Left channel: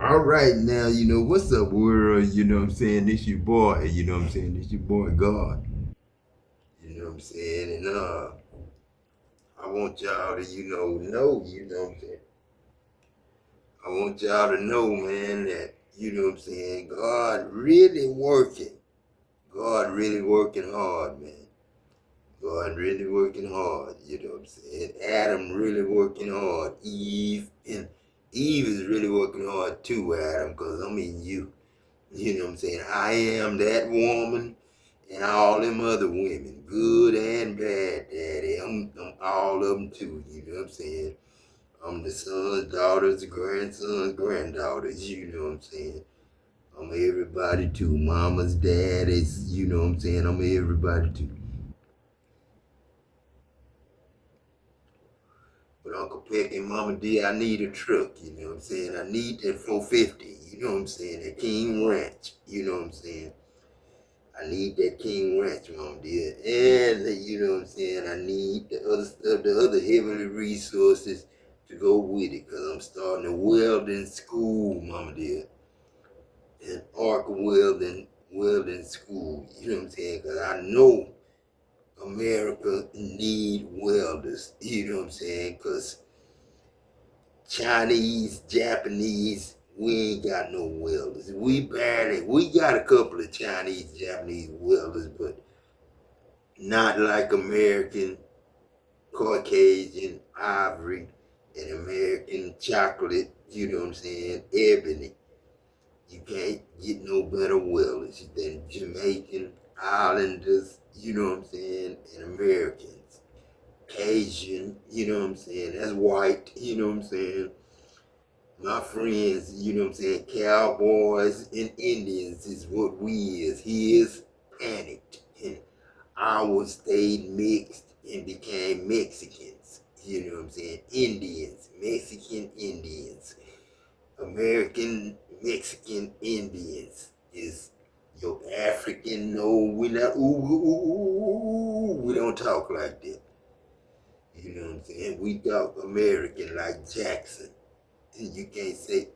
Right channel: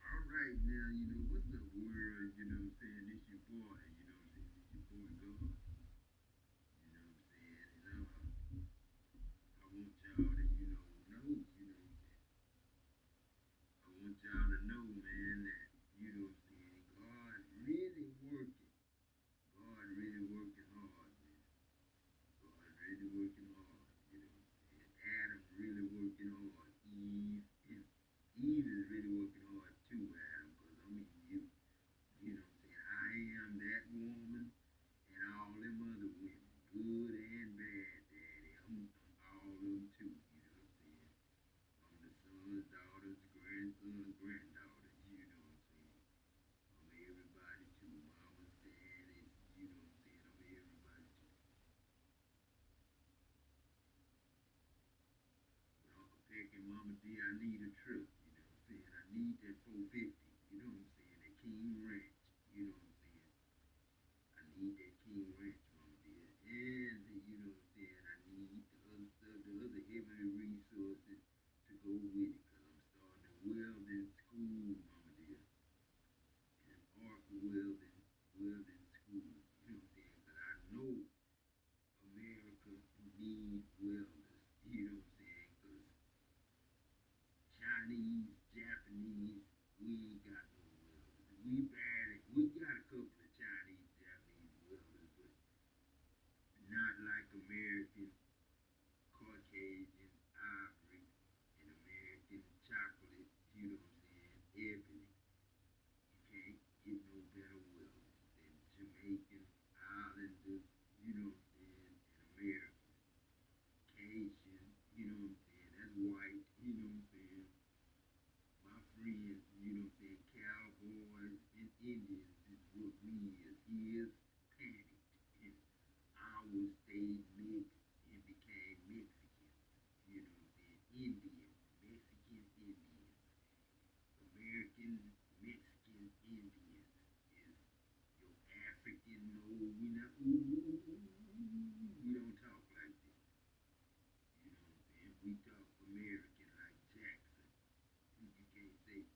All right, now, what's up, world? This your boy, this your boy, God. And I want y'all to, I want y'all to know, man, that, God really working. God really working hard, man. God really working hard, Adam really working hard. Eve is really working hard too, Adam, because I mean you. I am that woman and all them other women, good and bad, daddy. I'm all of them too, I'm the sons, daughters, grandsons, granddaughters, I'm everybody too. Mama's, daddy's, I'm everybody too. But Uncle Peck and Mama D, I need a truck, I need that 450, that King Ranch, I need that King Ranch, Mama dear. And I need the other stuff, the other heavenly resources to go with it. Cause I'm starting a welding school, Mama dear. An arc welding school. Cause I know America need welders. Cause Chinese, Japanese, we ain't got no welders. We got a couple of Chinese, Japanese welders, but not like American Caucasian ivory and American chocolate, ebony. You can't get no better welders than Jamaican Islanders, and Americans. Cajun, that's white, My friends, cowboys and Indians is what we is. He is panicked. And ours stayed mixed and became Mexicans. Indians, Mexican Indians, American Mexican Indians is your African. No, we not. We don't talk like that. We talk American like Jackson. And you can't say.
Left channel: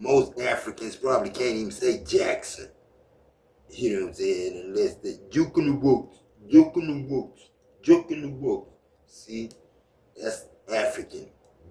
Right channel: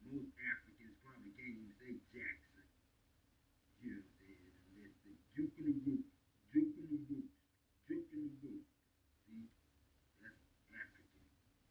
Most Africans probably can't even say Jackson. Unless they juke in the books, juke in the books, juke in the books. See, that's African.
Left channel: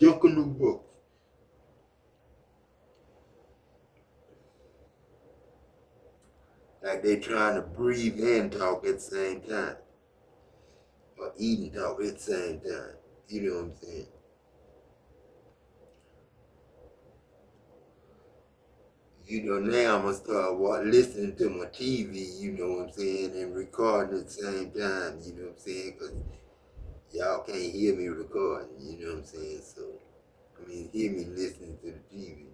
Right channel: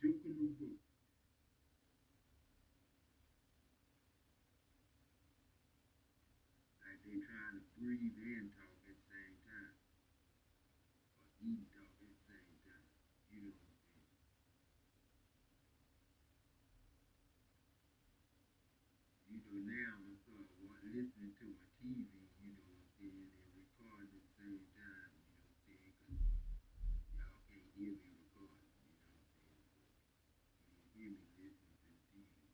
Juke in the books. Like they trying to breathe and talk at the same time. Or eat and talk at the same time. You know what I'm saying? Now I'm gonna start listening to my TV, and recording at the same time, because y'all can't hear me recording, So, I mean, hear me listening to the TV.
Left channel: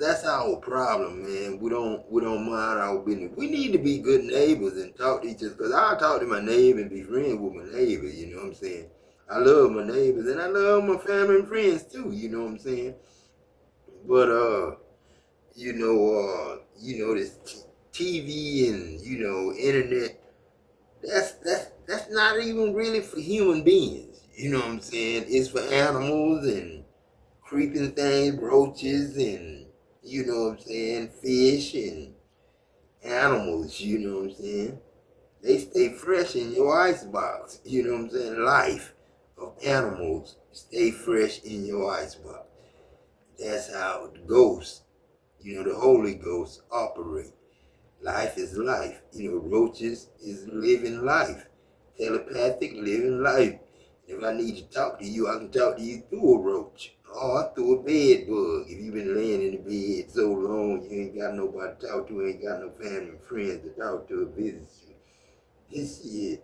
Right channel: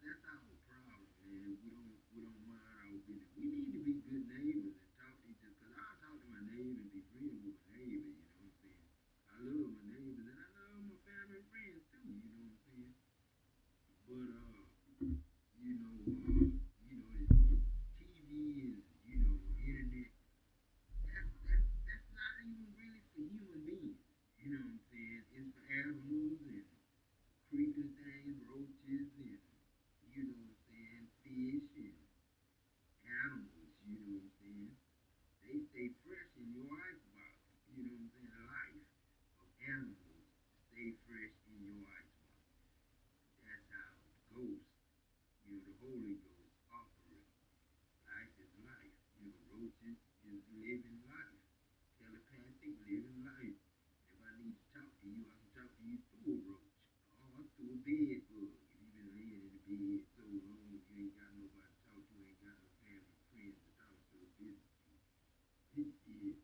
That's our problem, man. We don't mind our business. We need to be good neighbors and talk to each other. Cause I talk to my neighbor and be friends with my neighbor. You know what I'm saying? I love my neighbors and I love my family and friends too. You know what I'm saying? But this TV and internet. That's not even really for human beings. You know what I'm saying? It's for animals and creeping things, roaches and fish and animals, what I'm saying? They stay fresh in your icebox, what I'm saying? Life of animals stay fresh in your icebox. That's how the ghosts, the Holy Ghost operate. Life is life. Roaches is living life. Telepathic living life. If I need to talk to you, I can talk to you through a roach or through a bed bug. If you've been laying in the bed so long, you ain't got nobody to talk to, ain't got no family and friends to talk to or visit you. This shit,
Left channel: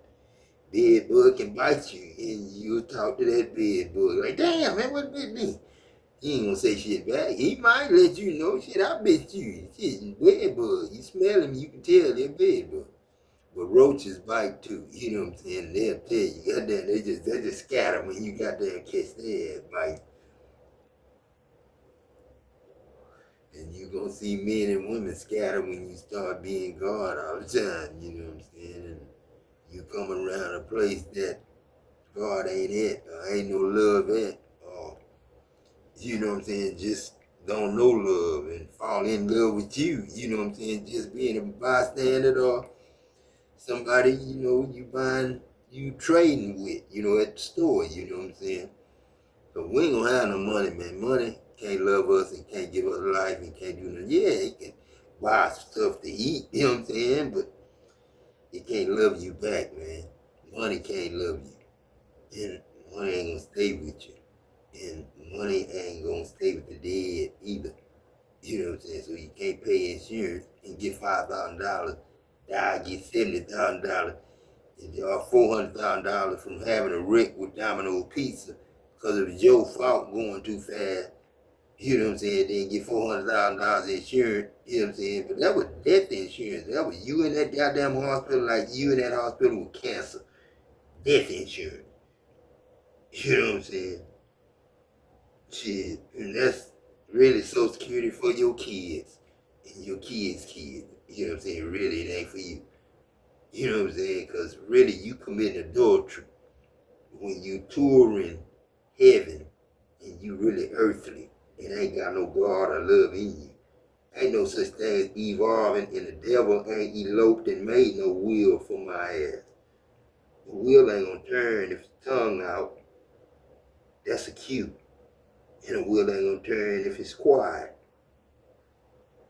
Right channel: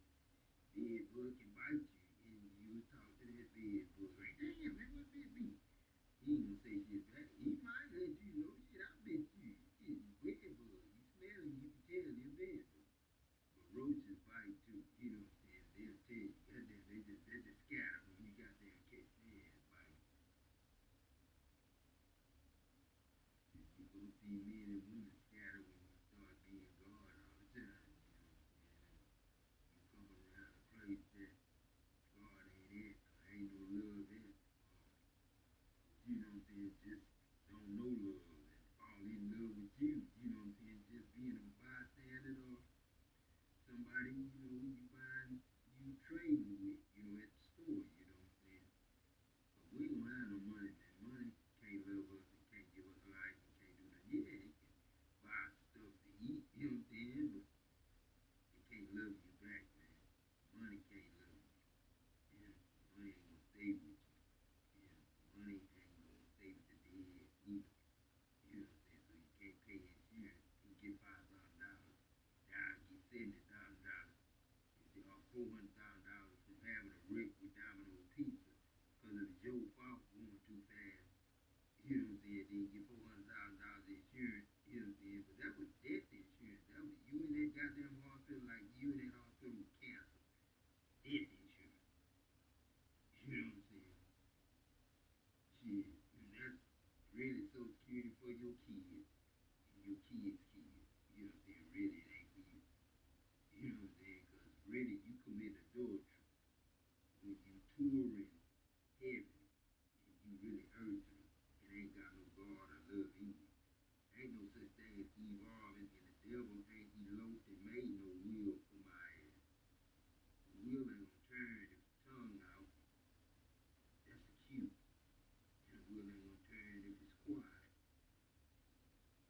bed bug can bite you, and you talk to that bed bug like, damn man, what bit me? He ain't gonna say shit back. He might let you know, shit, I bit you. Shit, bed bug. You smell him, you can tell they're bed bug. But roaches bite too, you know what I'm saying? They'll tell you, goddamn, they just scatter when you goddamn catch their ass bite. And you gonna see men and women scatter when you start being God all the time, you know what I'm saying? And you come around a place that God ain't it, or ain't no love at, or you know what I'm saying, just don't know love and fall in love with you, you know what I'm saying? Just being a bystander or somebody, you trading with, at the store, you know what I'm saying? But we ain't gonna have no money, man. Money can't love us and can't give us life and can't do nothing. Yeah, it can buy stuff to eat, you know what I'm saying? But it can't love you back, man. Money can't love you. And money ain't gonna stay with you. And money ain't gonna stay with the dead either. You know what I'm saying? So you can't pay insurance and get $5,000. Die, get $70,000. And y'all $400,000 from having a wreck with Domino's Pizza because it was your fault going too fast. You know what I'm saying? Then get $400,000 insurance. You know what I'm saying? But that was death insurance. That was you in that goddamn hospital, like you in that hospital with cancer. Death insurance. You know what I'm saying? Shit. And that's really Social Security for your kids and your kids' kids. You know what I'm saying? Really, it ain't for you. You know what I'm saying? Because really, you committing adultery when you touring heaven and you really earthly and ain't got no God or love in you. Ain't no such thing as evolving, and the devil ain't eloped and made no will for my ass. The wheel ain't gonna turn if the tongue out. That's a cue. And the wheel ain't gonna turn if it's quiet.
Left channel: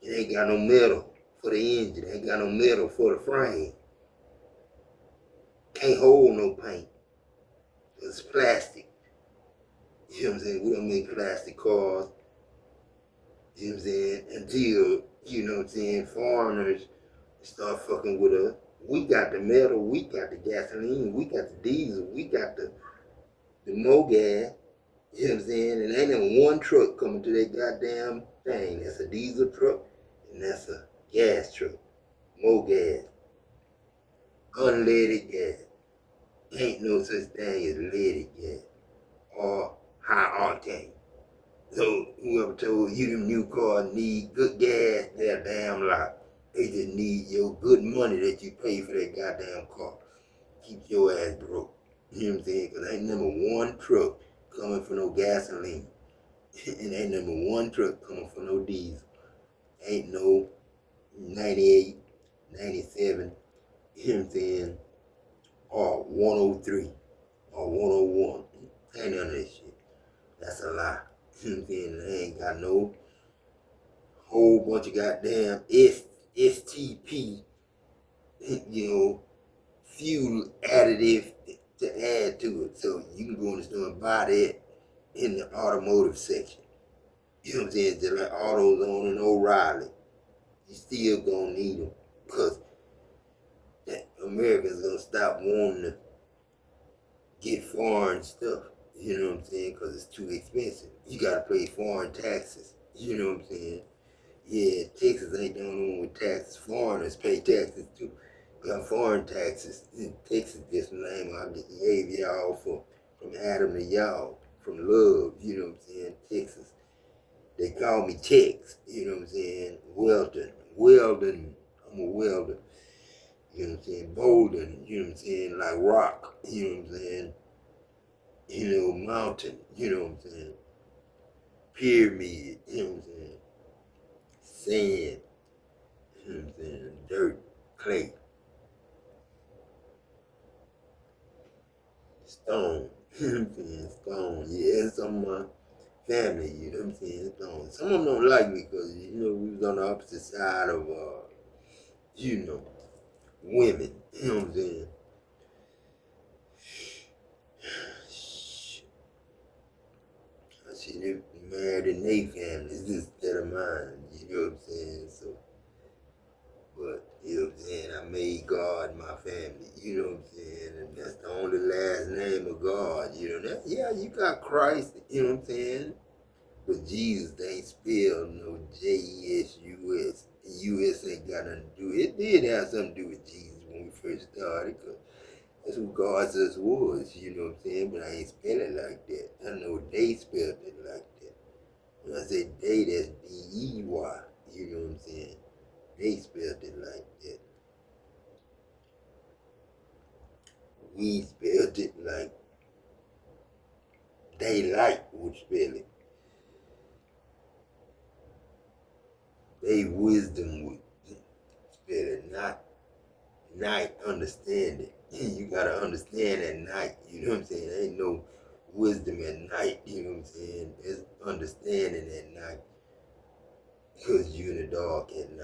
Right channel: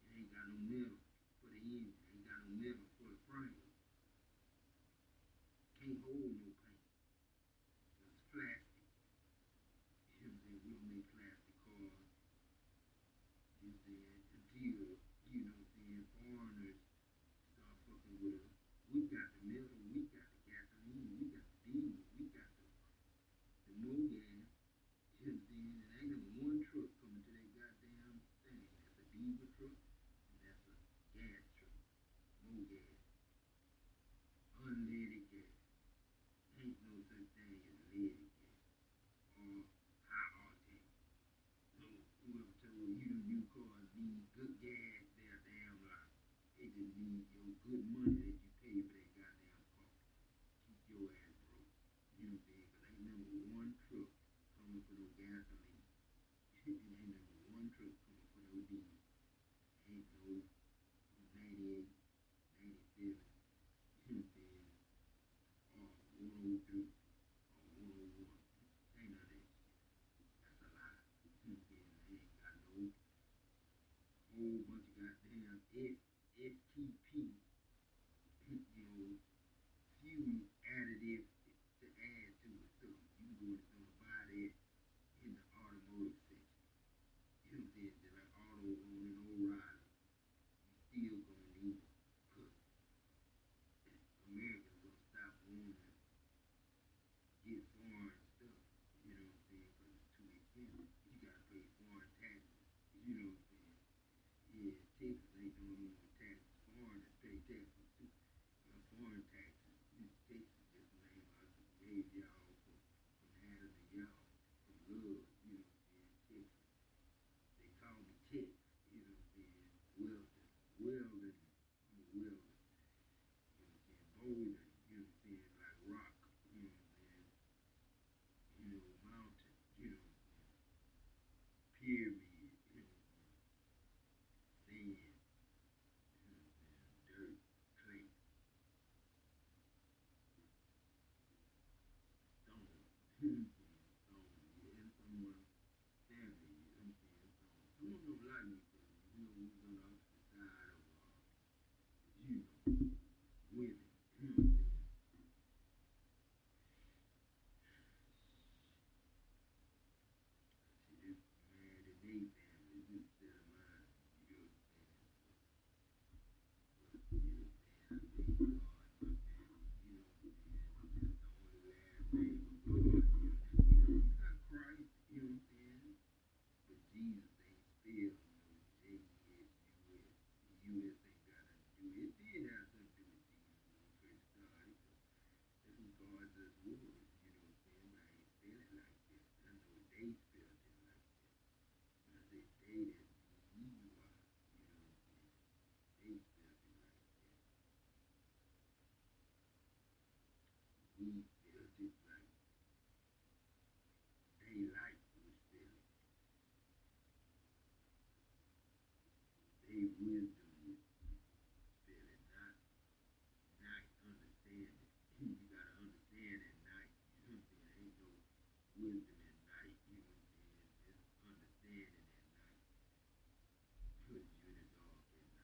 It ain't got no metal for the engine. It ain't got no metal for the frame. Can't hold no paint. It's plastic. You know what I'm saying? We don't make plastic cars. You know what I'm saying? Until, you know what I'm saying, foreigners start fucking with us. We got the metal, we got the gasoline, we got the diesel, we got the MoGas. You know what I'm saying? And ain't even one truck coming to that goddamn thing. That's a diesel truck and that's a gas truck. MoGas. Unleaded gas. Ain't no such thing as leaded gas or high octane. So whoever told you them new cars need good gas, they're a damn lie. They just need your good money that you pay for that goddamn car. Keep your ass broke. You know what I'm saying? Because ain't number one truck coming for no gasoline. And ain't number one truck coming for no diesel. Ain't no 98, 97, you know what I'm saying? Or 103 or 101. Ain't none of that shit. That's a lie. You know what I'm saying? They ain't got no whole bunch of goddamn STP, fuel additive to add to it. So you can go in the store and buy that in the automotive section. You know what I'm saying? Just like AutoZone and O'Reilly. You still gonna need them because Americans gonna stop wanting to get foreign stuff. You know what I'm saying? Because it's too expensive. You gotta pay foreign taxes. You know what I'm saying? Yeah, Texas ain't the only one with taxes. Foreigners pay taxes too. We got foreign taxes. Texas just the name I gave y'all from Adam to y'all, from love, you know what I'm saying? Texas. They call me Tex, you know what I'm saying? Weldon, I'm a welder, you know what I'm saying? Bolden, you know what I'm saying? Like rock, you know what I'm saying? Mountain, you know what I'm saying? Pyramid, you know what I'm saying? Sand, you know what I'm saying? Dirt, clay, stone, you know what I'm saying? Stone, yeah, that's some of my family, you know what I'm saying? Stone. Some of them don't like me because, we was on the opposite side of, women, you know what I'm saying? I see them married in their families instead of mine, you know what I'm saying? So, but, you know what I'm saying? I made God my family, you know what I'm saying? And that's the only last name of God, yeah, you got Christ, you know what I'm saying? But Jesus ain't spelled no J-E-S-U-S. U-S ain't got nothing to do. It did have something to do with Jesus when we first started, because that's who God says was, you know what I'm saying? But I ain't spell it like that. I know they spelled it like that. When I say they, that's D-E-Y, you know what I'm saying? They spelled it like that. We spelled it like daylight would spell it. they wisdom would better not night understanding. You gotta understand at night, you know what I'm saying? There ain't no wisdom at night, you know what I'm saying? There's understanding at night because you're in the dark at